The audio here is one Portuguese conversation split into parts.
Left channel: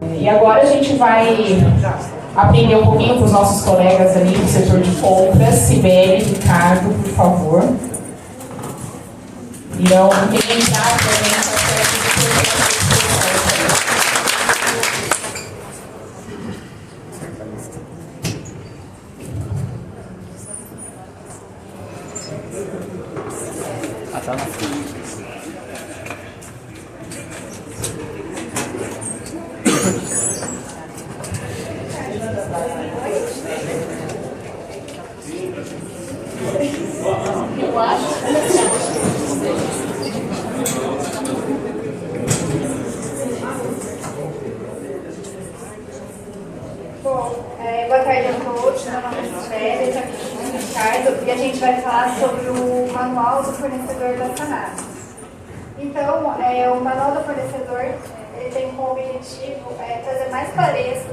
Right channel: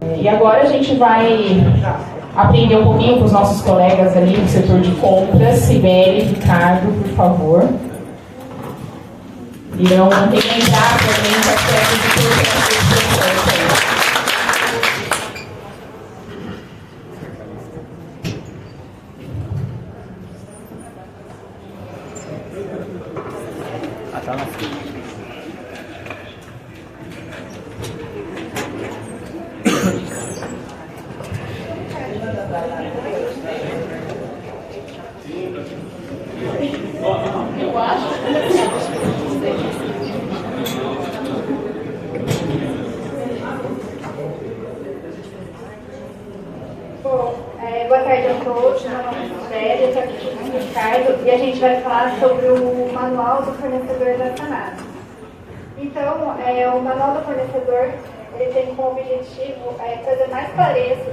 E agora a gente vai aprender um pouquinho com os nossos colegas ali do setor de compras. Sibeli, Ricardo, por favor. Irão implementar para a gente aspectos de processo de expressão. Tá na frente. Boa tarde a todos, meu nome é Sibeli, eu sou aqui com o Ricardo e a gente vai falar sobre o manual do fornecedor da Sanasa. Então, o manual do fornecedor ele tem como objetivo trazer mais clareza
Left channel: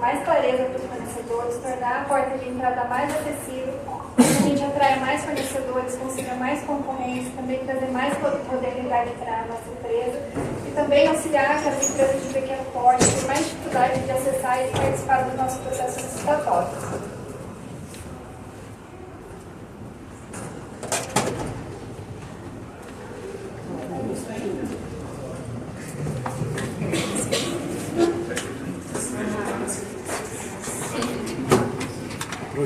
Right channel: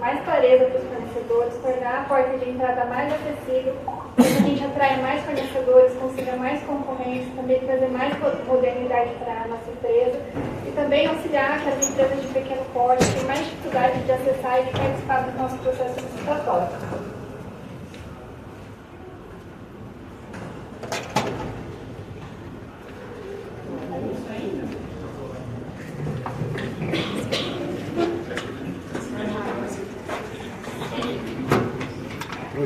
para os fornecedores, tornar a porta de entrada mais acessível, a gente atrai mais fornecedores, consiga mais concorrência, também trazer mais modernidade para a nossa empresa e também auxiliar que as empresas de pequeno porte têm mais dificuldade de acessar e participar do nosso processo licitatório.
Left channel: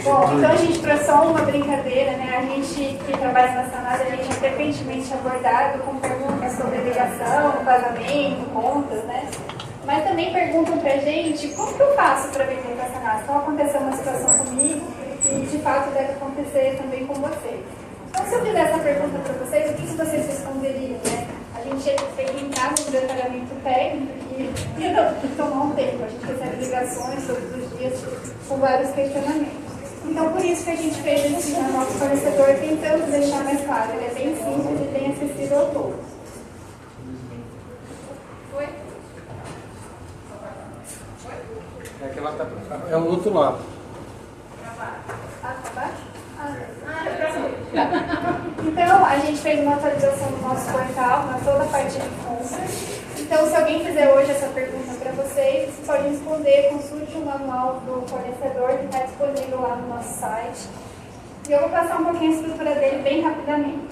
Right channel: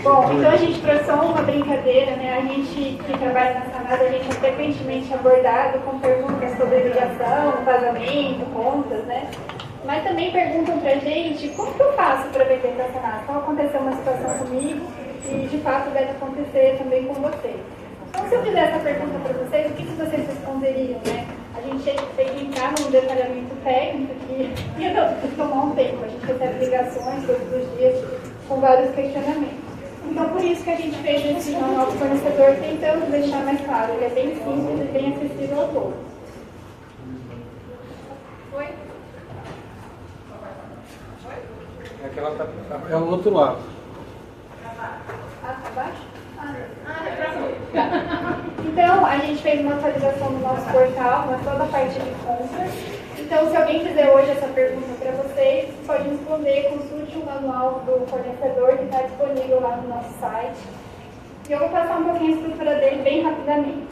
Bom, então a gente, para só uma brincadeira, né? A gente que trabalha na Sanasa, a gente é frequentemente abordado com perguntas sobre ligação, pagamento, contas, né? Mas também perguntam pra gente como que eu faço para vender para a Sanasa. Então aconteceu uma situação comigo e de fato deve acontecer também com vocês. Então se eu fizer essa pergunta para vocês, o que vocês responderiam, né? A gente tem que entrar num detalhamento técnico que ia tomar um tempo. A gente recebe ligações todos os dias com vários questionamentos. Então, por isso que a gente fez esse manual do fornecedor, tentando deixar mais claro. Ele é bem simples e bem acessível a todos. Foi? É o outro lado. Abaixo? Então, a gente fez uma atualização do nosso portal, na toda a parte de compras. Então, se alguém fizer hoje essa pergunta para vocês, vocês podem responder, consulte o manual do fornecedor que está disponível lá no nosso site. E eu vou passar um pouquinho a estrutura dele bem rapidamente.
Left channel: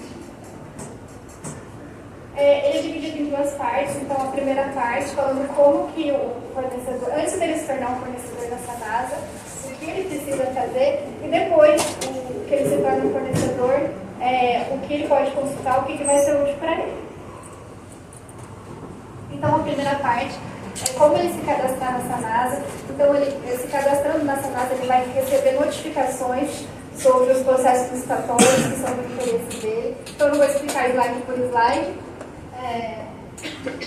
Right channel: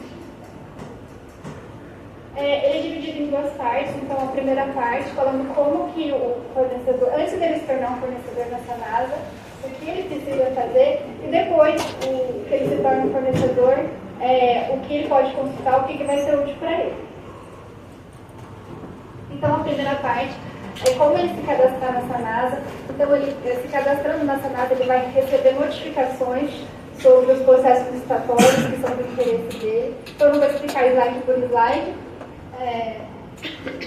Ele é dividido em duas partes. Então, a primeira parte falando como que o fornecedor, antes dele se tornar um fornecedor da Sanasa, o que ele precisa fazer, e depois que ele se torna um fornecedor, o que ele pode consultar, o que vai ser útil para ele. Então, a primeira parte é como ele se cadastrar na Sanasa. Então, ele se cadastrando na Sanasa, ele vai receber notificações sobre os processos licitatórios que são do interesse dele. Então, eu não vou explicar slide por slide,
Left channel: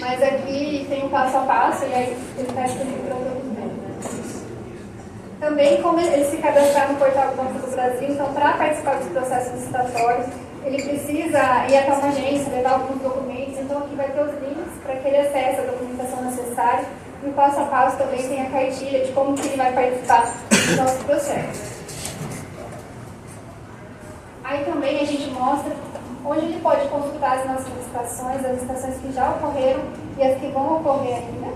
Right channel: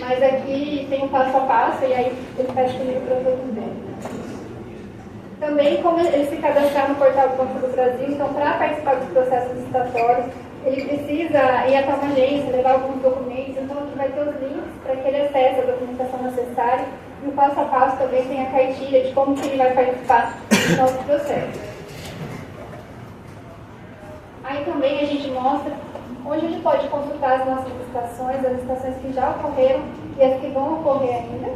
mas aqui tem um passo a passo e aí ele vai disponível para todos eles. Também, como ele se cadastrar no portal do Banco do Brasil, então, para participar dos processos licitatórios, ele precisa ir até uma agência, levar alguns documentos, então aqui vai ter os links para que ele acesse a documentação necessária e o passo a passo também tem a cartilha de como que ele vai participar do nosso processo. Aí também a gente mostra onde ele pode consultar as nossas licitações, as licitações que já ocorreram e as que vão ocorrer ainda.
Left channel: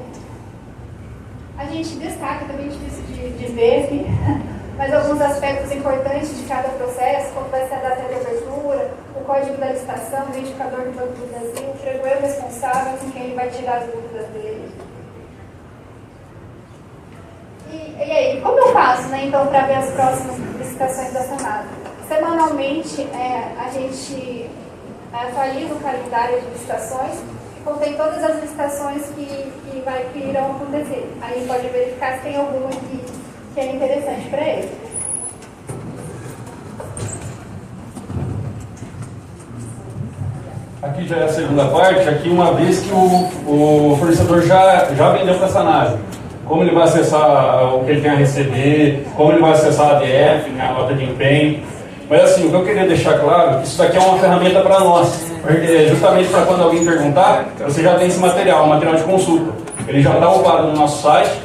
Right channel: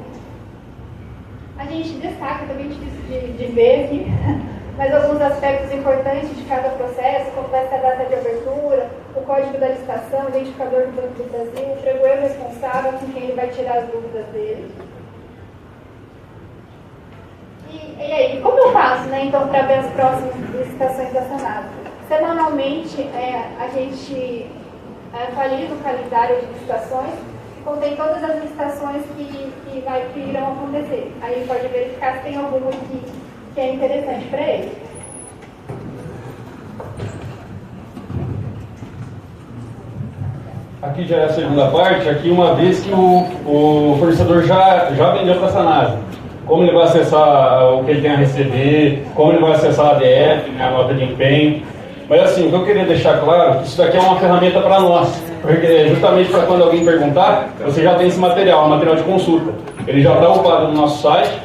A gente destaca, também difícil de ver aqui, mas alguns aspectos importantes de cada processo, como vai ser a data de abertura, o código da licitação, o identificador do Banco do Brasil, o pregoeiro responsável com quem ele vai tirar as dúvidas dele. E aí, como eu faço, né, então, para ver as próximas licitações da Sanasa? Semanalmente, a gente atualiza o calendário de licitações, contém todas as licitações que irão acontecer. Aí pode verificar se tem alguma que é interessante para ele. Aqui já é a segunda parte, aqui uma vez que o fornecedor já vendeu para a Sanasa. Como ele vai acessar o que ele tem a receber, como ele vai acessar a ADF, né, a nota de empenho. Mas assim, o que eu queria deixar claro, isso daqui é uma ferramenta para nós. Justamente para quando alguém perguntar, você já tem esse material, um material de consulta. Ele já está upado no nosso site.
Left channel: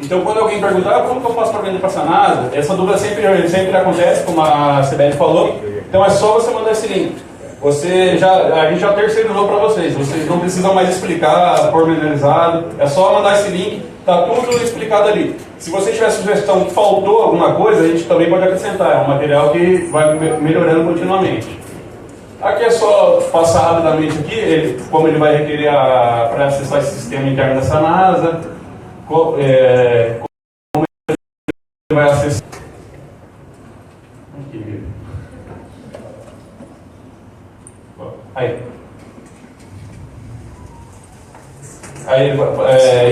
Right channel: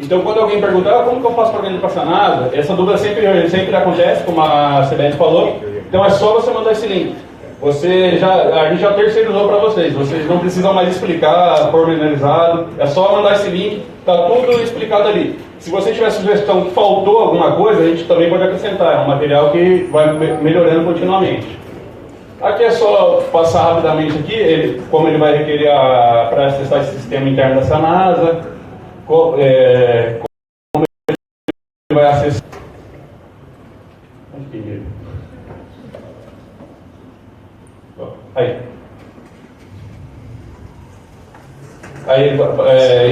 Então, quando alguém perguntar, como que eu faço para vender para a Sanasa? Essa dúvida sempre acontece, como a Sibeli falou. Então, é só você mandar esse link. a gente já terceirizou para vocês. Vocês não precisam mais explicar pormenorizado. É só mandar esse link, tá tudo explicado ali. Se você tiver sugestão que faltou alguma coisa, a gente também pode acrescentar. É um material que vai melhorando continuamente. Aqui é só passar rapidamente aqui, como ele vai requerer para acessar esse sistema interno da Sanasa, como ele vai acessar. Aqui. Aí.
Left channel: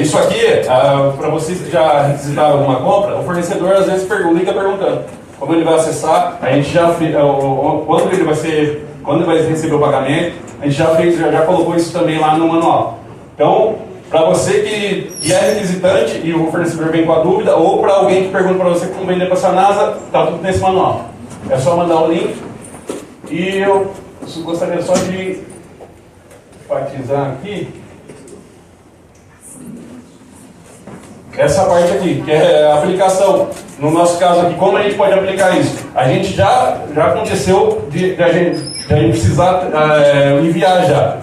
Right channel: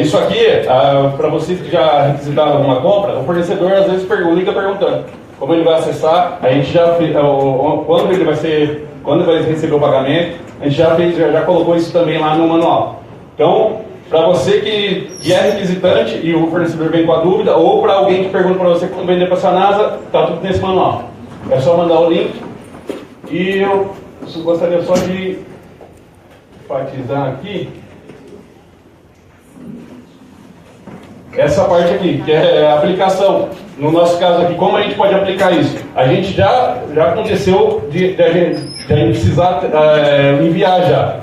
Isso aqui, para vocês que já requisitaram alguma compra, o fornecedor às vezes liga perguntando como ele vai acessar. A gente já quando ele vai receber o pagamento, a gente já colocou isso também lá no manual. Então, para você que é requisitante e o fornecedor vem com a dúvida, ou para alguém que pergunta para você como vender para a Sanasa, está tudo nesse manual. É só mandar o link. E eu gostaria só de enfatizar aqui essa parte aqui, que é a aplicação. No nosso caso aqui, como a gente pode aplicar isso? A gente já aconteceu de a gente precisar enviar já.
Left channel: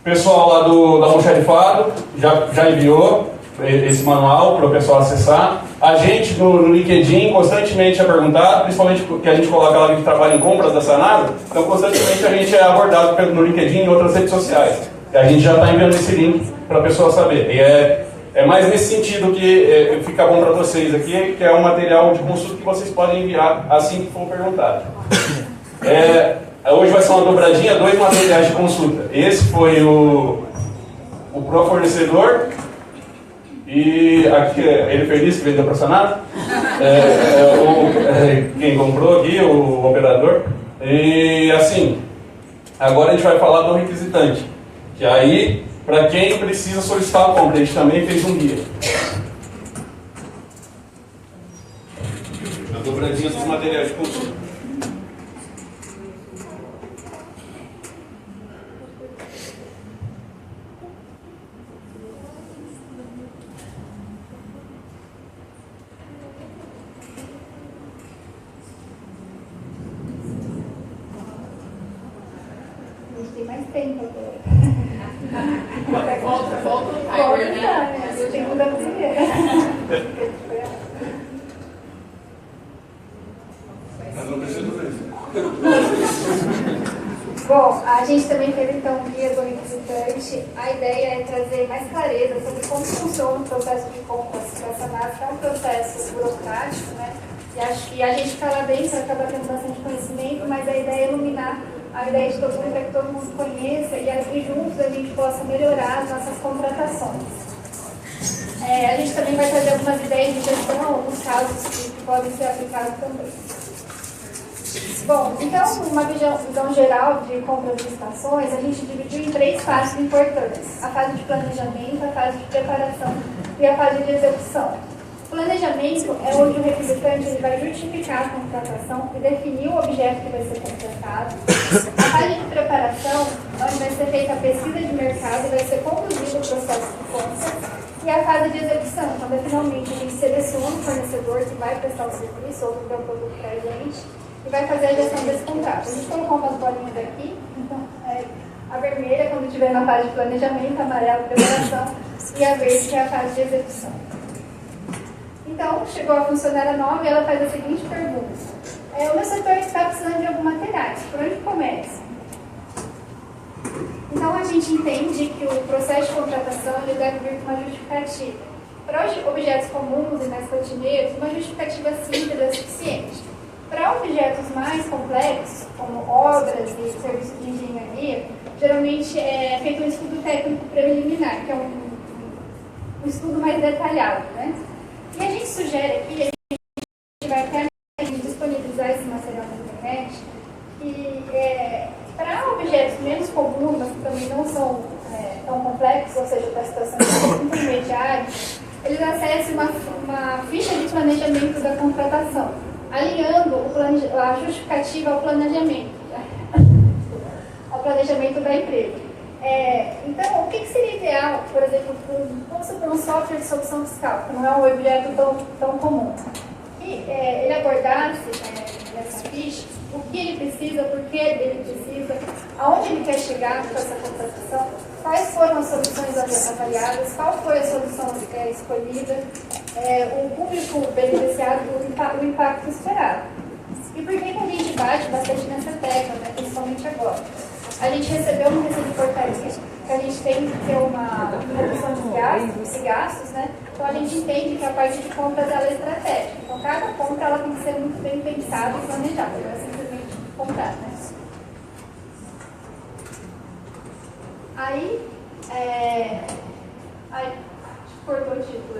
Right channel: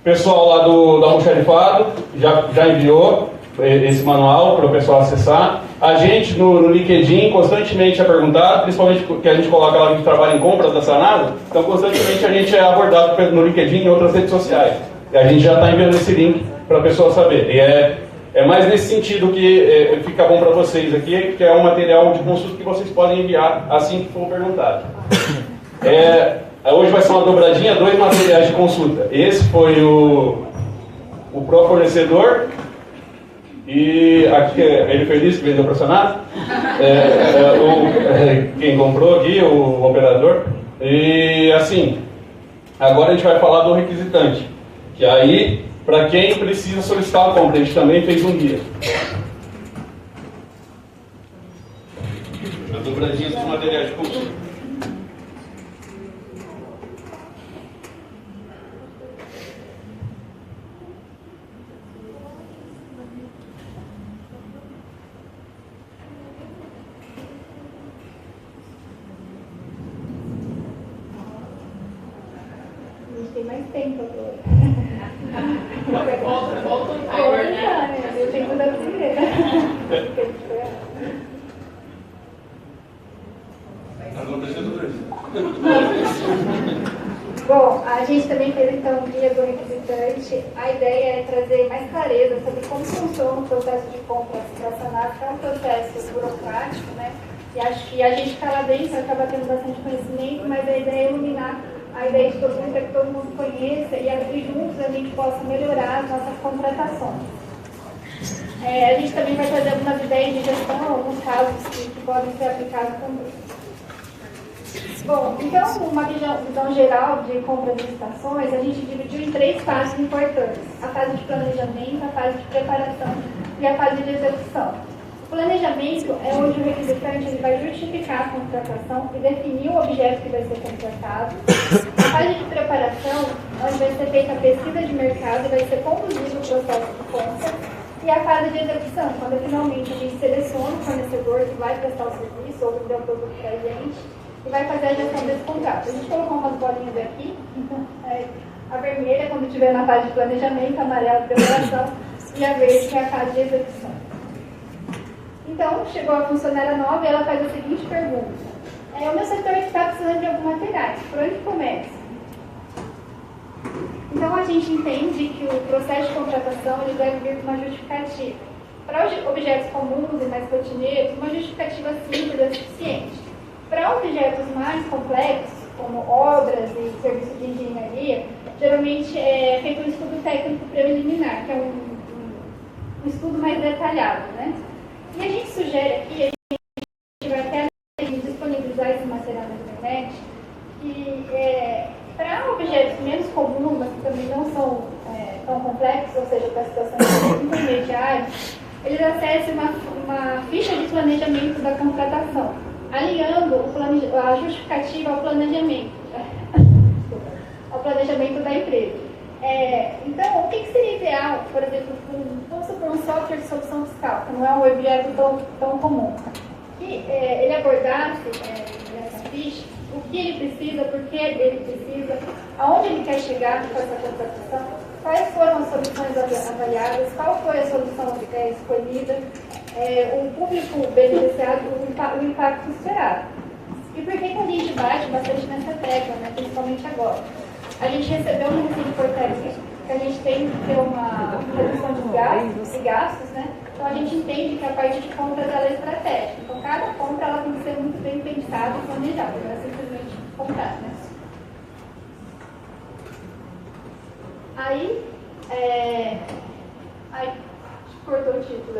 O pessoal lá do Almoxarifado já enviou esse manual para o pessoal acessar. A gente no LinkedIn constantemente é perguntado, principalmente porque a gente coloca lá que trabalha em compras da Sanasa, então constantemente a gente é abordado no LinkedIn e em outras redes sociais. E a gente já está enviando esse link para a pessoa saber. E é mais nesse sentido que fica bom para vocês aqui, que é um material de consulta que vocês podem enviar assim que for perguntado. Hoje vai ser uma dobradinha, 2 materiais de consulta. Esse foi o Pro Fornecedor. E aqui ele feliz que vendeu para a Sanasa. Quem comprou aqui, o operador. E assim, agora a gente vai falar do requisitante. Que aí, para quem precisa solicitar a compra, a gente também fez um guia. As dobradinhas dos materiais de consulta. Tem mais tempo agora. Volta o timer, né? Eu tenho que dar primeiro. Bom, a gente também fez então um guia do requisitante. A ideia é trazer mais clareza sobre como funciona o processo de compras para a Sanasa, que é um processo burocrático, né? E acho que a gente que está lá dentro acaba tendo bastante conhecimento, mas a ideia é iluminar a ideia de todo mundo é que todo mundo se conheça e juntos a gente possa melhorar as nossas contratações. A gente também vai trazer algumas ideias de gestão, alguns casos que podem ser aplicados também. Bom, então, uma visão geral de compras e licitações, a gente dividiu em 3 fases importantes: a fase de planejamento, a fase de preparação e a fase de execução. O planejamento é onde o requisitante ele vai justificar a contratação e definir o objeto que vai ser contratado. A fase de preparação, onde vai ser feita a pesquisa de mercado e vai ser conduzido o processo de compra. E a fase de execução, quando finalmente a gente seleciona o fornecedor que vai prestar o serviço ou vender o produto para a gente e vai fazer a gestão desse contrato. A gente colocou umas bolinhas aqui, então a vermelha quando estiver na fase de planejamento, a amarela de preparação e a verde que é a fase de execução. Então, chegou a funcionária nova e ela faz a seguinte pergunta: o meu setor está precisando de alguns materiais, por onde começa? Então, a gente entende que o processo de contratação ele deve vir com uma justificativa. Para objetos comuns e mais rotineiros, uma justificativa simples é suficiente. Para objetos mais complexos, como obras e serviços de engenharia, geralmente é feito um estudo técnico preliminar, que é um estudo mais detalhado, né? E a gente sugere aqui, a gente vai até disponibilizar esse material na internet, que para objetos menos comuns, mas que também não são tão complexos, ou seja, para situações intermediárias, eles acessem uma ficha de planejamento da contratação, alinhando a justificativa ao planejamento da empresa. Então, o que seria ideal, por exemplo, vamos supor um software de solução fiscal, que não é um objeto tão comum, que ele abordasse nessa ficha o que ele precisa, por que ele precisa, aonde ele quer chegar com essa contratação, quais foram as soluções avaliadas, qual foi a solução escolhida, o público beneficiado, o impacto esperado. E por que a gente bate bastante nessa tecla, né, principalmente agora? A gente recebeu uma portaria que a gente tem que ter uma redução de gastos, né? Então a gente entende que a parte de compras ela é estratégica. Então cada compra ela tem que ser muito bem pensada e planejada, não é simplesmente comprar, né? Aí, cortou o título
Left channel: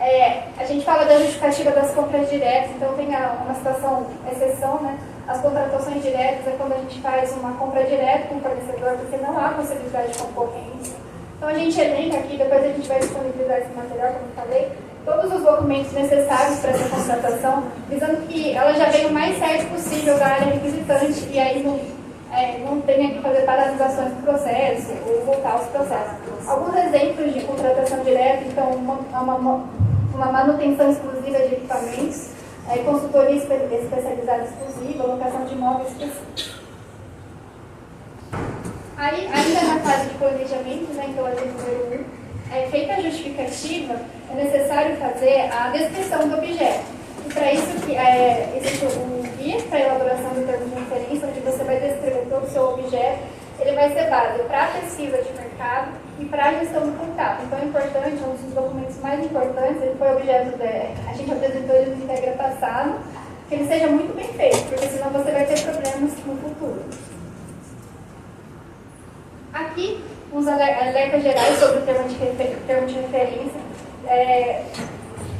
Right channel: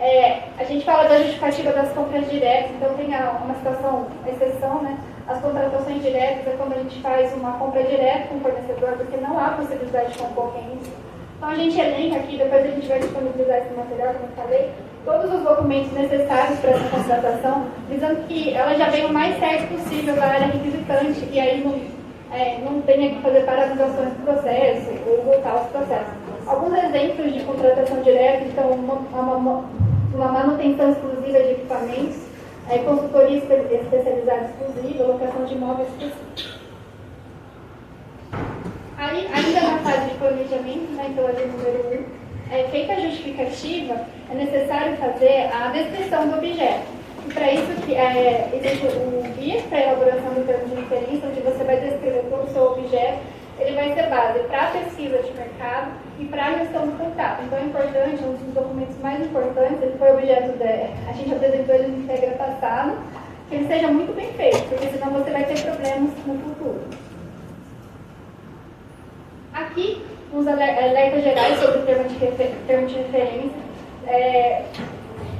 aí. A gente fala da justificativa das compras diretas, então tem uma situação, exceção, né? As contratações diretas é quando a gente faz uma compra direta com o fornecedor, porque não há possibilidade de concorrência. Então a gente elenca aqui, depois a gente vai disponibilizar esse material, como eu falei, todos os documentos necessários para essa contratação, visando que ela já venha o mais certo possível da área requisitante e aí não tenha que fazer paralisações do processo ou voltar aos processos. Alguns exemplos de contratação direta, então, uma manutenção exclusiva de equipamentos, consultoria especializada exclusiva, locação de imóveis específicos. Aí, ainda na fase de planejamento, né, então, feita a justificativa, é necessário fazer a descrição do objeto. E para isso, existe um guia para a elaboração do termo de referência, onde você vai descrever todo o seu objeto. Ele vai ser base para a pesquisa de mercado e para a gestão do contrato. Então é importante, um dos documentos mais importantes, ele foi objeto a gente apresentou ele no Integra passado, que ele seja muito bem feito, porque senão você vai ter problemas no futuro. Aqui, uns alertas gerais sobre o termo de referência.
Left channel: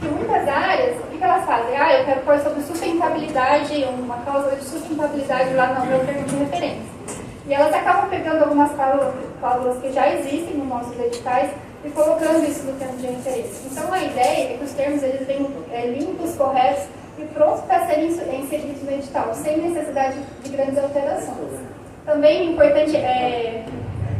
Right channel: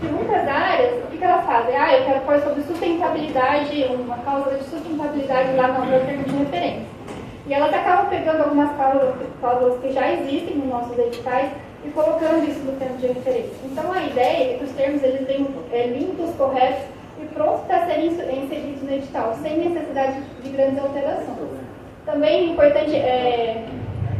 Em muitas áreas, o que elas fazem? Eu quero pôr sobre sustentabilidade, uma cláusula de sustentabilidade lá no meu termo de referência. E elas acabam pegando algumas cláusulas que já existem nos nossos editais e colocando isso no termo de referência. Então a ideia é que os termos eles venham limpos, corretos e prontos para serem inseridos no edital, sem necessidade de grandes alterações. Também é importante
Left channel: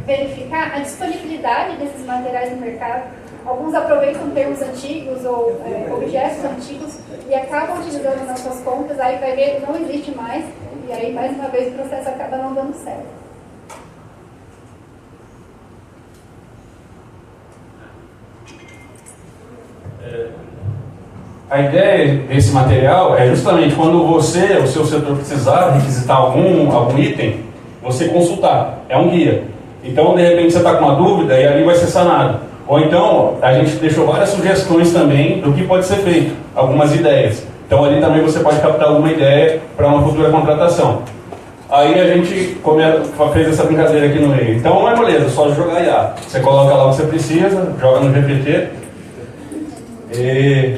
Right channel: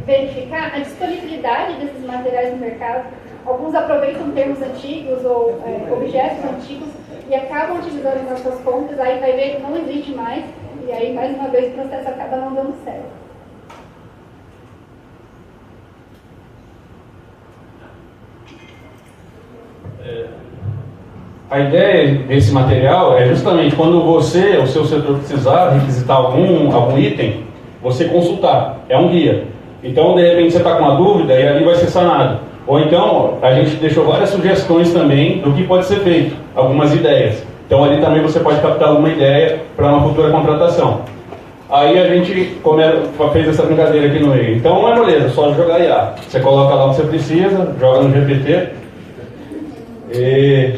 verificar a disponibilidade desses materiais no mercado. Alguns aproveitam termos antigos ou objetos antigos e acabam utilizando nas suas compras, aí vai ver que não existe mais, e aí mais uma vez o processo acaba não dando certo. A ideia desse material é justamente quando você, o seu setor precisar requisitar algum item, você consultar. É um guia. Então, de repente, você está com uma dúvida e ali vai ser sanado. Ou então, a gente deixou várias sugestões também do que pode ser feito, algumas ideias. Então, ali também você pode captar alguma ideia para uma futura contratação. Aí a gente fez essa brincadeira aqui no meio. Então, não é moleza, só jogar IA. Você coloca lá o que você precisa, joga no GPT. E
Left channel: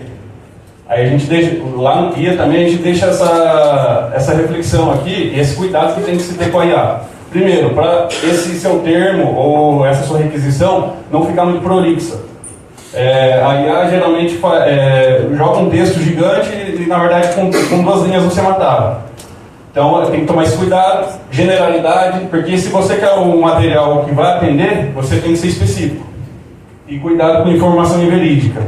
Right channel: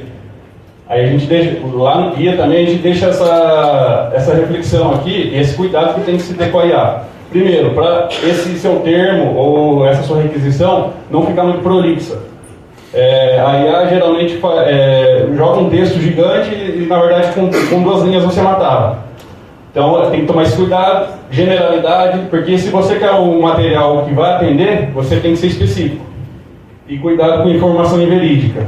aí a gente deixa, lá no guia também a gente deixa essa reflexão aqui e esse cuidado que tem que se ter com a IA. Primeiro, para esse seu termo ou essa sua requisição não ficar muito prolixa. A IA geralmente joga um texto gigante e na verdade com 2 linhas você matava. Então tem que tomar esse cuidado, generalidade, porque se você quer um material que vai atender, você tem que ser específico. E cuidado com informação inverídica,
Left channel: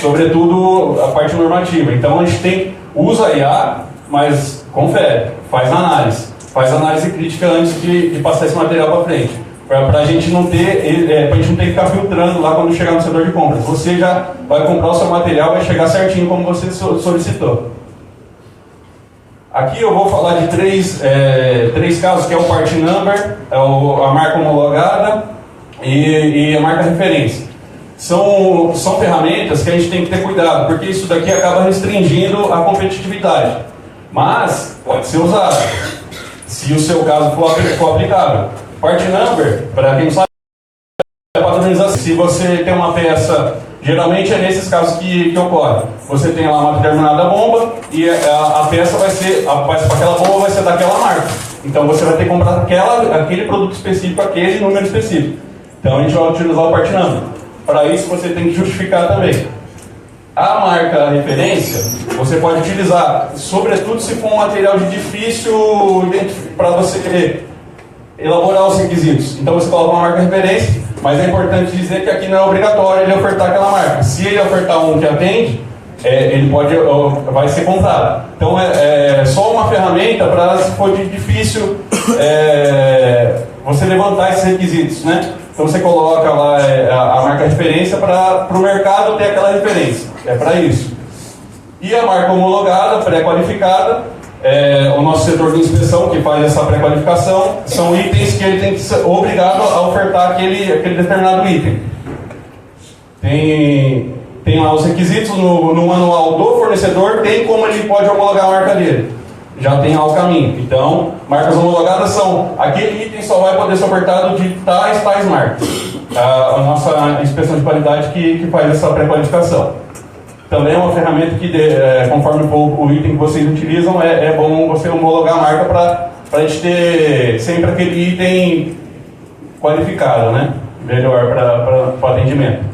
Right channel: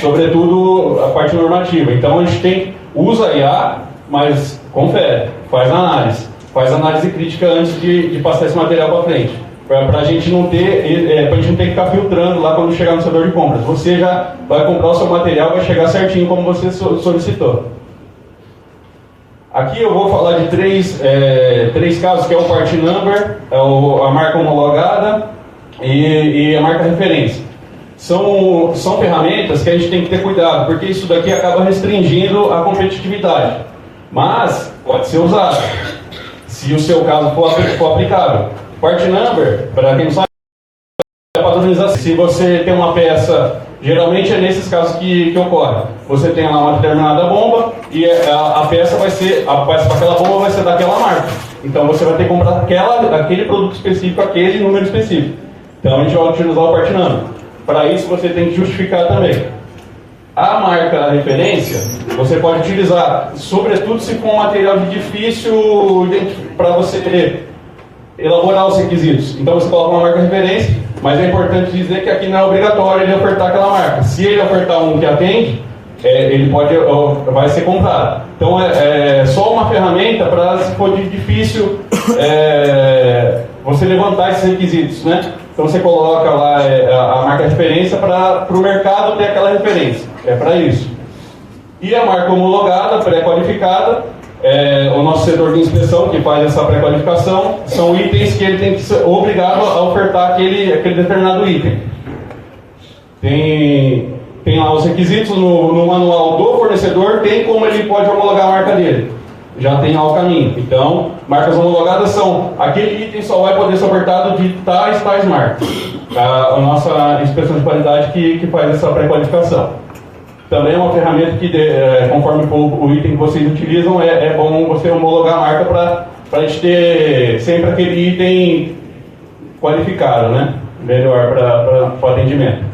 sobretudo a parte normativa. Então a gente usa a IA, mas confere, faz análise crítica antes de passar esse material para frente. Para a gente não ter, pra gente não ter que ficar filtrando lá quando chegar no setor de compras. Você já vai comprar o seu material, vai chegar certinho como você solicitou. Aqui eu vou falar de três casos, que é o part number, a marca homologada e a marca referência. São ferramentas que a gente tem que ter cuidado, porque isso daqui acaba restringindo a competitividade. Mas pode ser usado, se o seu caso for aplicável. Part number, para quem sabe, é padronização. Se você tem uma peça, geralmente é nesses casos que ocorre. Você tem lá uma determinada bomba e a peça vai ser, para aquela bomba vai ser daquela marca. Então você vai ter que comprar aquele produto específico, aquele número específico. Então a gente vai utilizar o part number. Para isso você tem que justificar também. A marca referência, você pode utilizar, sobretudo se for um material de difícil para você elaborar os requisitos. Então você coloca uma marca referência, mas é importante dizer que aqui não é obrigatório ele ofertar aquela marca. Se ele ofertar um que atende, ele vai ser comprado. Então é só uma ferramenta para, se for difícil você levantar esses requisitos, né? Então você coloca lá a marca referência para o mercado ter aquela referência, é para isso. E a marca homologada, pré-qualificada, o nosso setor de inspeção que faz essa pré-qualificação, são itens que ele tem que ser obrigado a ofertar aquele determinado item. Tem lá os requisitos no manual do fornecedor, tem como ele pode homologar a marca dele. Já tem lá o caminho. Então, marcas homologadas são aquele item só vai poder ser ofertado de tais marcas. A nossa inspeção de qualidade que faz essa pré-qualificação. Também é uma ferramenta que, conforme o item que vocês utilizam, é bom você homologar a marca para a gente ter sempre aquele item qualificado, né? Melhor para o atendimento.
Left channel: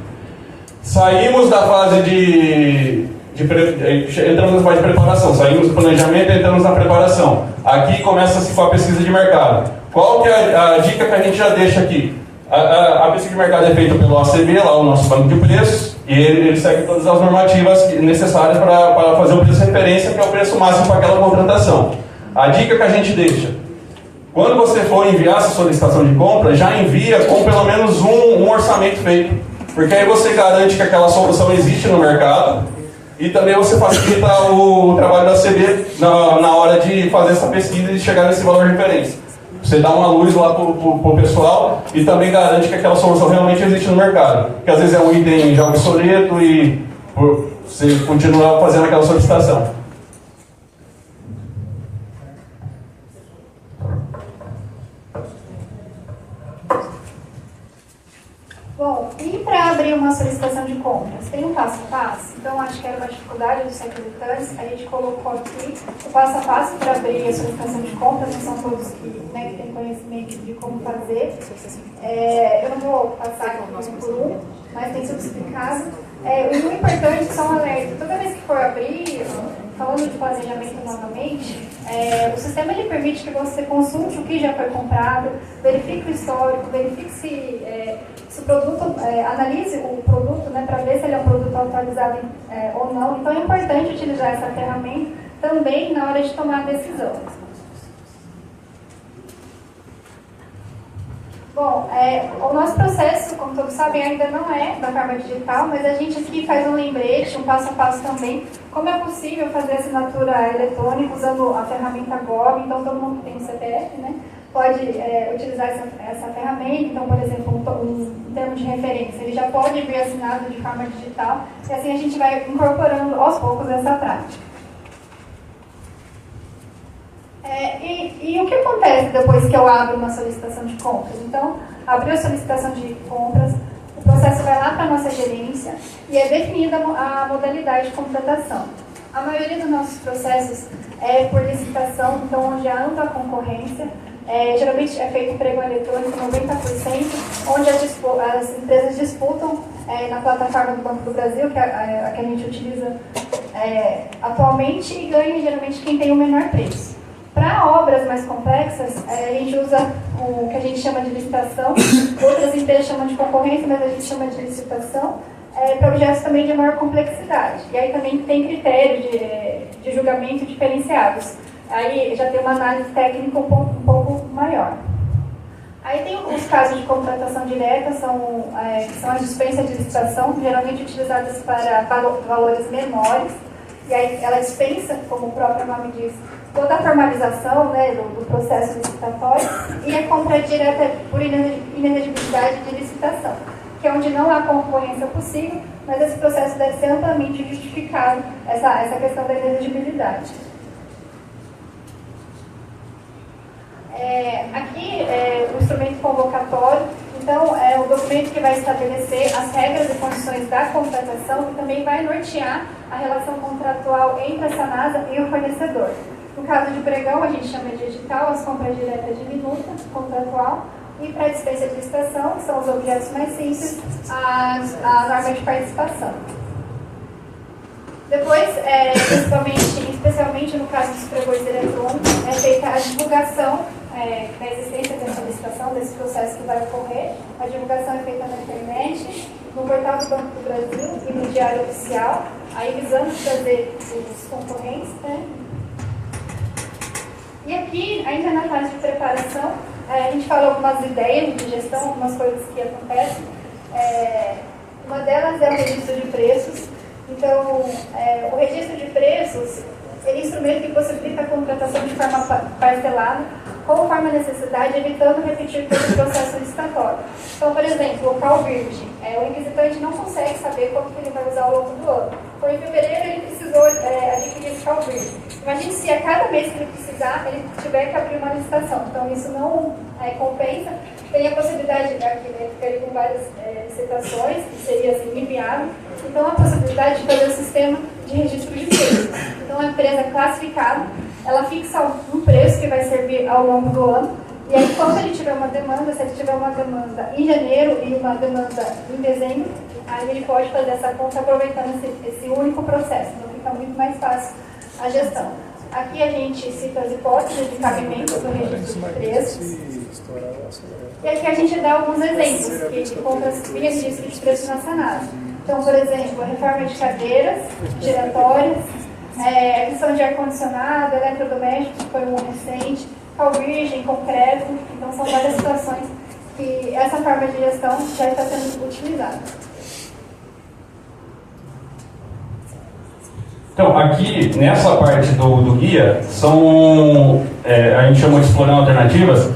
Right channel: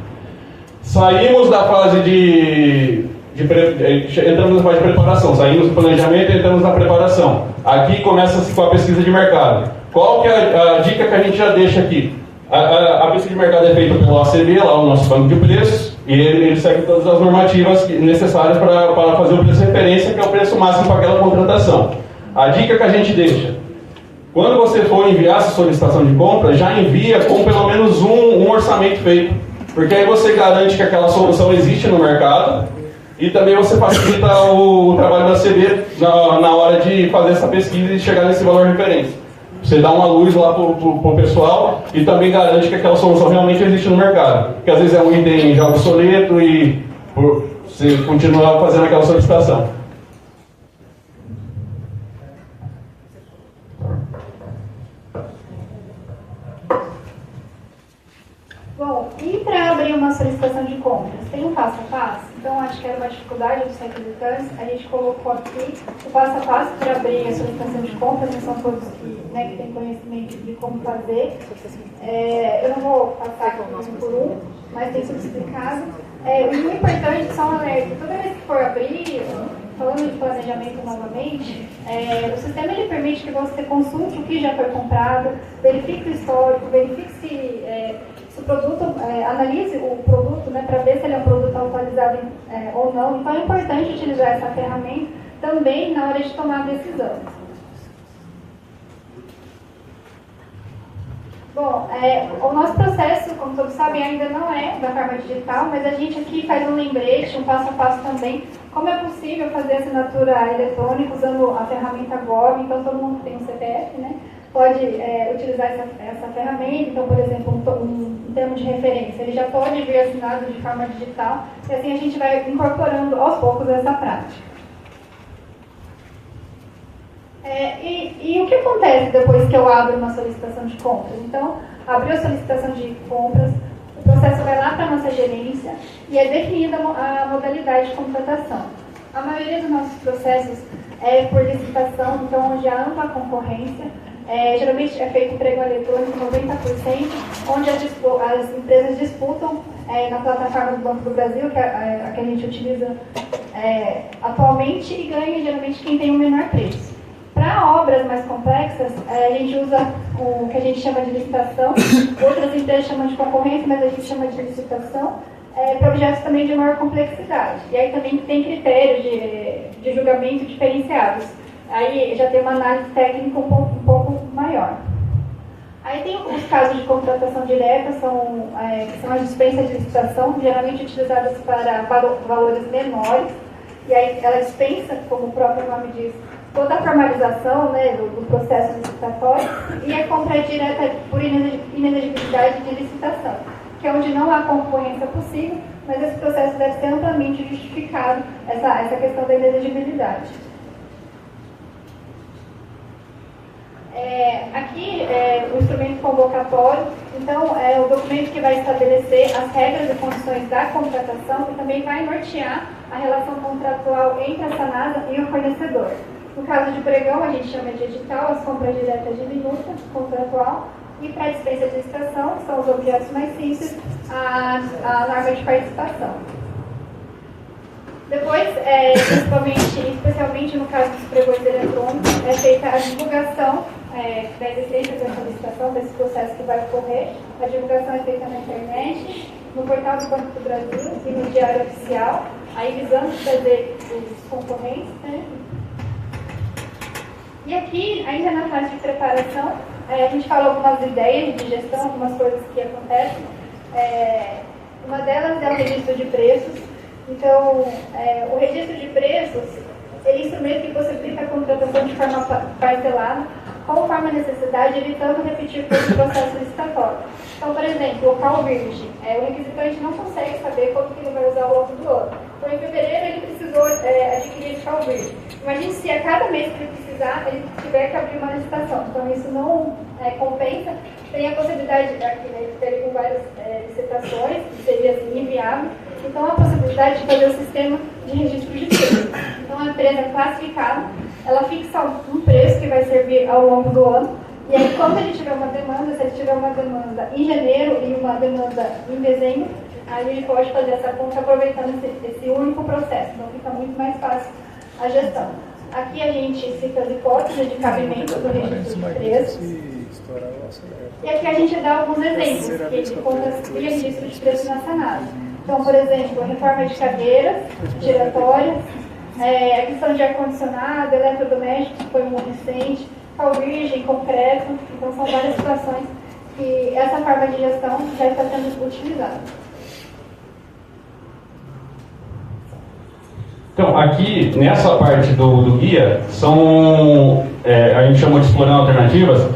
Saímos da fase entramos na fase de preparação, saímos do planejamento e entramos na preparação. Aqui começa-se com a pesquisa de mercado. Qual que é a dica que a gente já deixa aqui? A pesquisa de mercado é feita pelo ACB, lá o nosso banco de preços, e ele segue todas as normativas necessárias para fazer o preço de referência, que é o preço máximo para aquela contratação. A dica que a gente deixa: quando você for enviar essa solicitação de compra, já envia com pelo menos um orçamento feito, porque aí você garante que aquela solução existe no mercado e também você facilita o trabalho da ACB na hora de fazer essa pesquisa e chegar nesse valor de referência. Você dá uma luz lá para o pessoal e também garante que aquela solução realmente existe no mercado. Porque às vezes é um item já obsoleto e você continua fazendo aquela solicitação. Bom, e para abrir uma solicitação de compras, tem um passo a passo? Então, acho que era uma dificuldade dos requisitantes, a gente colocou aqui o passo a passo para abrir a solicitação de compras, que são todos que têm conhecimento de como fazer. Eu não vou passar aqui um por um, mas tem tudo explicado. O importante são alertas. Toda vez que for abrir, falando de planejamento novamente, o sistema ele permite que você consulte o que já foi comprado, verifique o histórico, verifique se o produto, analise o produto, né, para ver se ele é um produto atualizado ou não. Então é importante utilizar essa ferramenta também na hora de tomar a decisão. Bom, o nosso processo, como todos sabem, ainda não é da forma digital, mas a gente aqui faz um lembrete, um passo a passo também, como é possível fazer assinatura eletrônica usando a ferramenta GOV. Então todo mundo tem um CPF, né? Pode utilizar essa ferramenta. Então, por exemplo, um termo de referência, ele já pode vir assinado de forma digital, e assim a gente vai incorporando aos poucos essa prática. E o que acontece depois que eu abro uma solicitação de compras? Então, abriu a solicitação de compras, o processo vai lá para a nossa gerência e é definida a modalidade de contratação. A maioria dos nossos processos é por licitação, então onde há ampla concorrência. Geralmente é feito emprego eletrônico 90%, onde as empresas disputam na plataforma do Banco do Brasil, que é a que a gente utiliza atualmente, e ganha geralmente quem tem o menor preço. Para obras mais complexas, a gente usa o que a gente chama de licitação, outras empresas chamam de concorrência, mas a gente chama de licitação, para objetos também de maior complexidade. E aí também tem critérios de julgamento diferenciados. Aí já tem uma análise técnica um pouco maior. Aí tem os casos de contratação direta, que são as dispensas de licitação, geralmente utilizadas para valores menores. E aí ela dispensa, como o próprio nome diz, toda a formalização, né, do processo licitatório, e a compra direta por inelegibilidade de licitação, que é onde não há concorrência possível, mas esse processo deve ser amplamente justificado, essa questão da inelegibilidade. Aqui o instrumento convocatório, então é o documento que vai estabelecer as regras e condições da contratação e também vai nortear a relação contratual entre a Sanasa e o fornecedor. No caso de pregão, a gente chama de edital, as compras diretas de minuta contratual, e para a dispensa de licitação, que são os objetos mais simples, a norma de participação. Depois, especialmente no caso dos pregões eletrônicos, é feita a divulgação da existência dessa licitação, desse processo que vai ocorrer. A divulgação é feita na internet no portal do Banco do Brasil e no Diário Oficial, aí visando trazer os concorrentes, né? E aqui, ainda na fase de preparação, a gente fala algumas ideias de gestão, algumas coisas que acontecem. Uma delas é o registro de preços. Então, o registro de preços é instrumento que possibilita a contratação de forma parcelada, conforme a necessidade, evitando repetir todo o processo licitatório. Então, por exemplo, local virgem. O inquisitante não consegue saber quanto que ele vai usar ao longo do ano. Então, em fevereiro, ele precisou adquirir esse local virgem. Imagine se a cada mês que ele precisar, ele tiver que abrir uma licitação. Então, isso não compensa. Tem a possibilidade, aqui, né, com várias licitações, que seria assim, inviável. Então, a possibilidade de fazer o sistema de registro de preços. Então, a empresa é classificada, ela fixa um preço que vai servir ao longo do ano. E aí, quando ele tiver uma demanda, se ele tiver uma demanda em janeiro e uma demanda em dezembro, aí ele pode fazer essa conta aproveitando esse único processo. Então, fica muito mais fácil a gestão. Aqui a gente cita as hipóteses de cabimento do registro de preços. E aqui a gente dá alguns exemplos que contam via registro de preços na Sanasa. Então, por exemplo, a reforma de cadeiras giratórias, a questão de ar-condicionado, eletrodomésticos, que foi um recente, cal virgem, concreto. Então, são várias situações que essa forma de gestão já está sendo utilizada. Então, aqui, nessa parte do guia, a gente chama de explorando alternativas.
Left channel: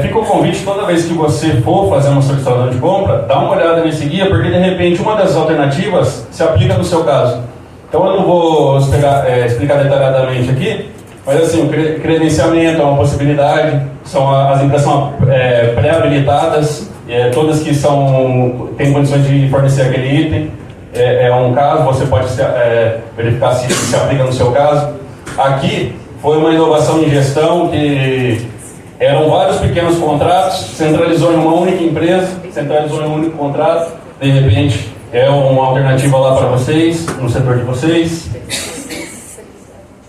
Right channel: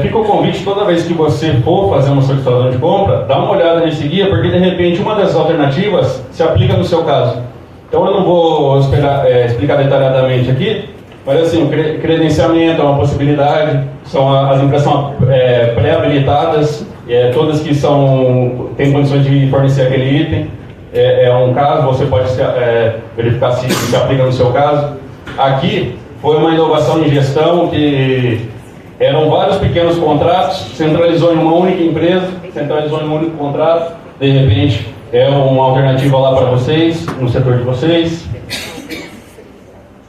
Fica o convite, toda vez que você for fazer uma solicitação de compra, dá uma olhada nesse guia, porque de repente uma dessas alternativas se aplica no seu caso. Então eu não vou explicar detalhadamente aqui, mas assim, o credenciamento é uma possibilidade, as empresas são pré-habilitadas, todas que têm condições de fornecer aquele item, é um caso, você pode verificar se aplica no seu caso. Aqui foi uma inovação em gestão que eram vários pequenos contratos, centralizou em uma única empresa, centralizou em um único contrato, de repente é uma alternativa lá para vocês, no setor de vocês.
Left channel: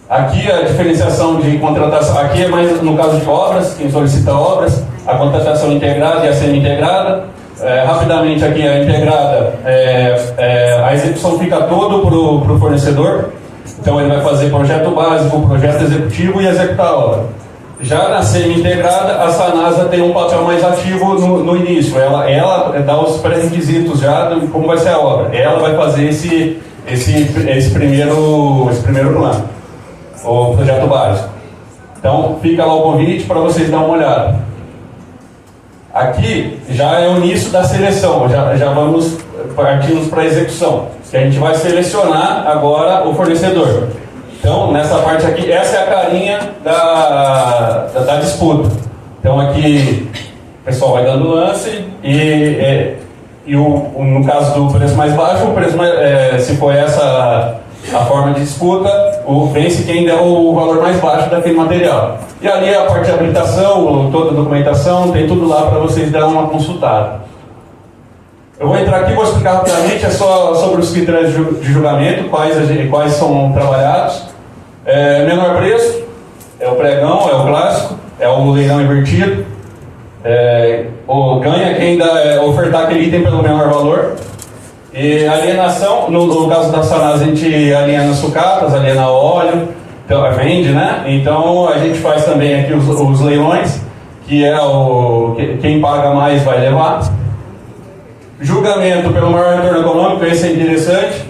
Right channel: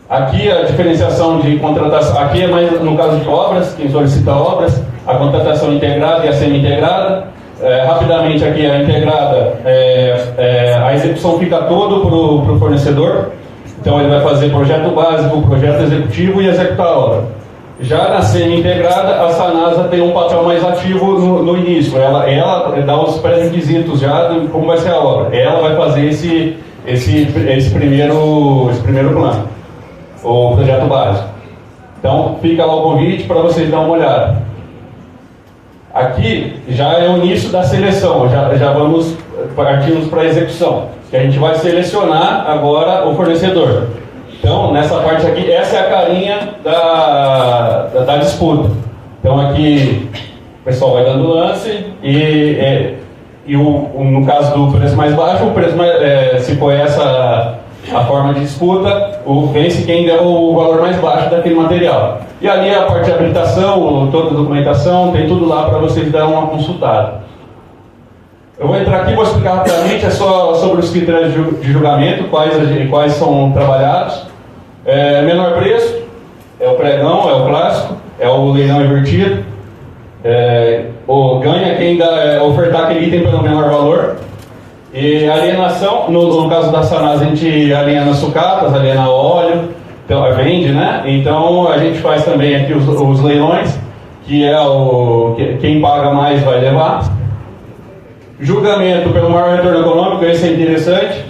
Aqui a diferenciação de contratação, aqui é mais no caso de obras, quem solicita obras, a contratação integrada e a semi-integrada. Rapidamente aqui a integrada, a execução fica todo para o fornecedor, então ele vai fazer projeto básico, projeto executivo e executar a obra. Já na semi-integrada, a Sanasa tem um papel mais ativo no início. Ela dá os pré-requisitos já de como vai ser a obra. Ela vai fazer esse primeiro plano, o projeto básico. Então, fica lá o convite para vocês darem uma olhada. Aqui já é o início da seleção, já vamos partimos para a execução. Que a gente vai selecionar agora o fornecedor. Então, nessa parte aqui, essa é a carinha da disputa. Então, aqui o pessoal vai dando lance e no caso do preço mais baixo, se for essa a forma de disputa, vence quem der o valor mais baixo daquele material. E ali a parte de habilitação, toda a documentação, tem tudo lá para vocês darem uma consultada. Eu vou entrar aqui e vou explicar rapidamente só sobre os critérios de julgamento, quais são trabalhados. Menor preço, é o pregão, é o clássico, é o leilão invertido. Ganha quem ofertar aquele item pelo menor valor. E alienação, no caso da Sanasa, a gente aliena sucatas, aliena óleo, então vende, né? Então a gente faz também aqui os leilões, que é quem paga mais vai levar. Julgamento pelo maior retorno econômico, esse é interessante.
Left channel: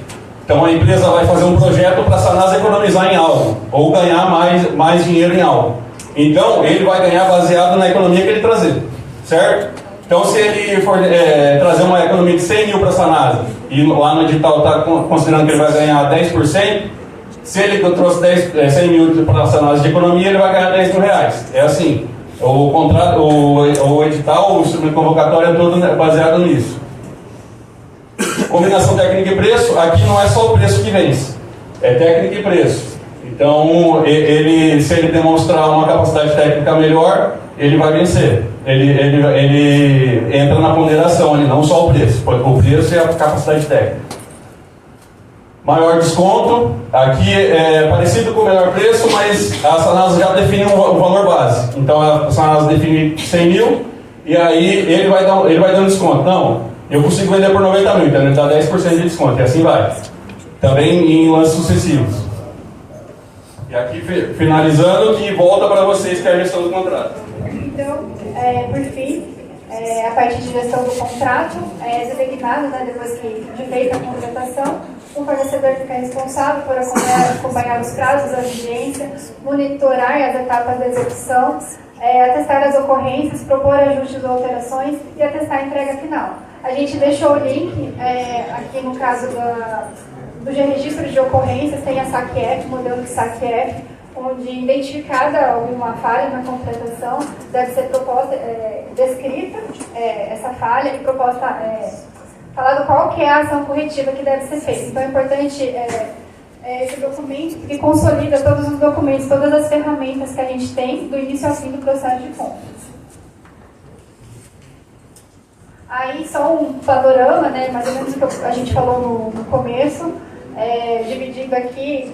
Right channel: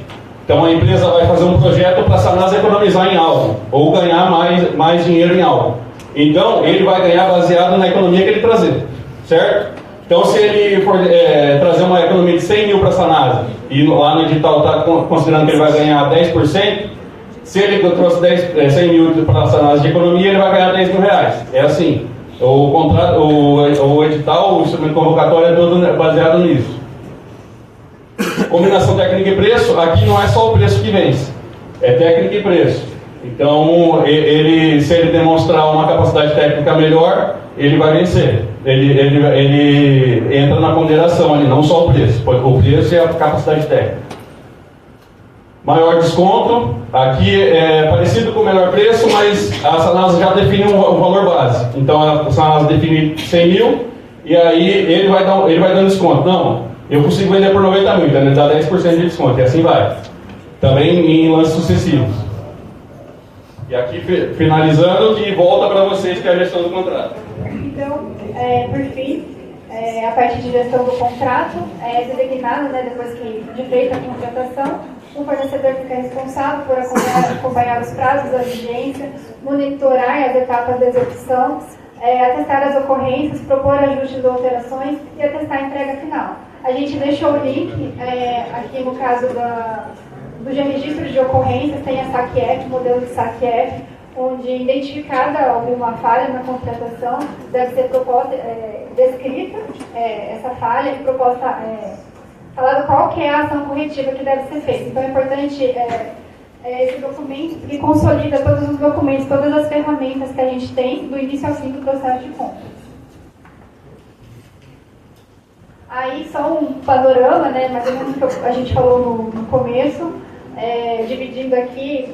Então a empresa vai fazer um projeto para a Sanasa economizar em algo, ou ganhar mais dinheiro em algo. Então ele vai ganhar baseado na economia que ele trazer, certo? Então se ele for trazer uma economia de 100 mil para a Sanasa, e lá no edital está considerando que ele vai ganhar 10%, se ele trouxe 100 mil para a Sanasa de economia, ele vai ganhar 10 mil reais. É assim, o contrato, o edital, o instrumento convocatório é todo baseado nisso. Combinação técnica e preço, aqui não é só o preço que vence, é técnica e preço. Então, se ele demonstrar uma capacidade técnica melhor, ele vai vencer. Ele entra na ponderação ali, não só o preço. O preço é a capacidade técnica. Maior desconto, aqui é parecido com o menor preço, mas a Sanasa já define o valor base. Então, a Sanasa define 100 mil, e aí ele vai dando desconto. Não. Eu consigo vender por 90 mil, então ele dá 10% de desconto, e assim vai. Também em lances sucessivos. E aqui, finalizando, que volta para vocês, que é a gestão do contrato. Então, por fim, a parte de gestão do contrato é designado, né, depois de feita a contratação, o fornecedor fica responsável por acompanhar os prazos da vigência, monitorar as etapas da execução, atestar as ocorrências, propor ajustes ou alterações e atestar a entrega final. A gente deixou o link, aqui no caso do registro de ocorrências, tem a SAC-F, modelo de SAC-F, onde, identificada alguma falha na contratação, deve ser proposta, descrita essa falha e proposta, falado qual que é a ação corretiva que deve ser feita. Então é importante esse documento que consolida todos os documentos, todas as ferramentas que a gente tem do início ao fim do processo de compras. Aí só um panorama, né, mais ou menos o que a gente falou no começo, dividindo aqui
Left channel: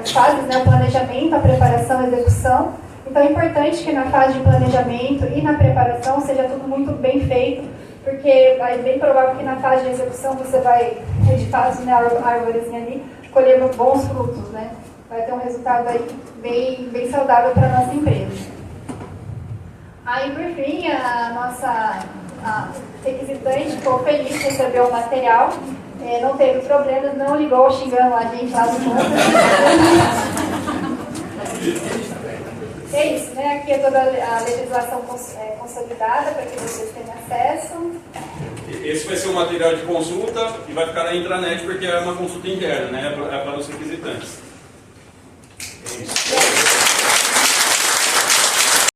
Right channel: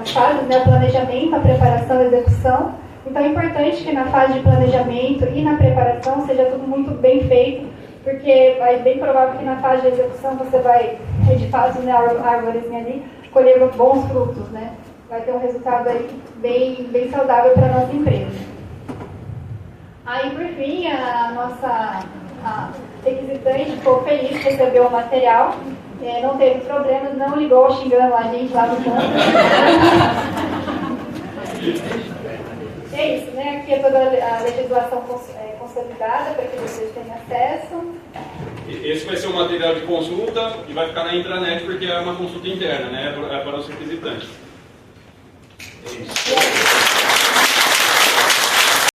as fases, né, o planejamento, a preparação e a execução. Então é importante que na fase de planejamento e na preparação seja tudo muito bem feito, porque é bem provável que na fase de execução você vai, de fato, né, a árvorezinha ali, colher bons frutos, né? Vai ter um resultado aí bem saudável para a nossa empresa. Aí, por fim, a nossa requisitante ficou feliz de receber o material, não teve problemas, não ligou xingando a gente lá no canto. É isso, né? Aqui é toda a legislação consolidada para que vocês tenham acesso. Esse vai ser um material de consulta e vai ficar na intranet porque é uma consulta interna, né? É para os requisitantes.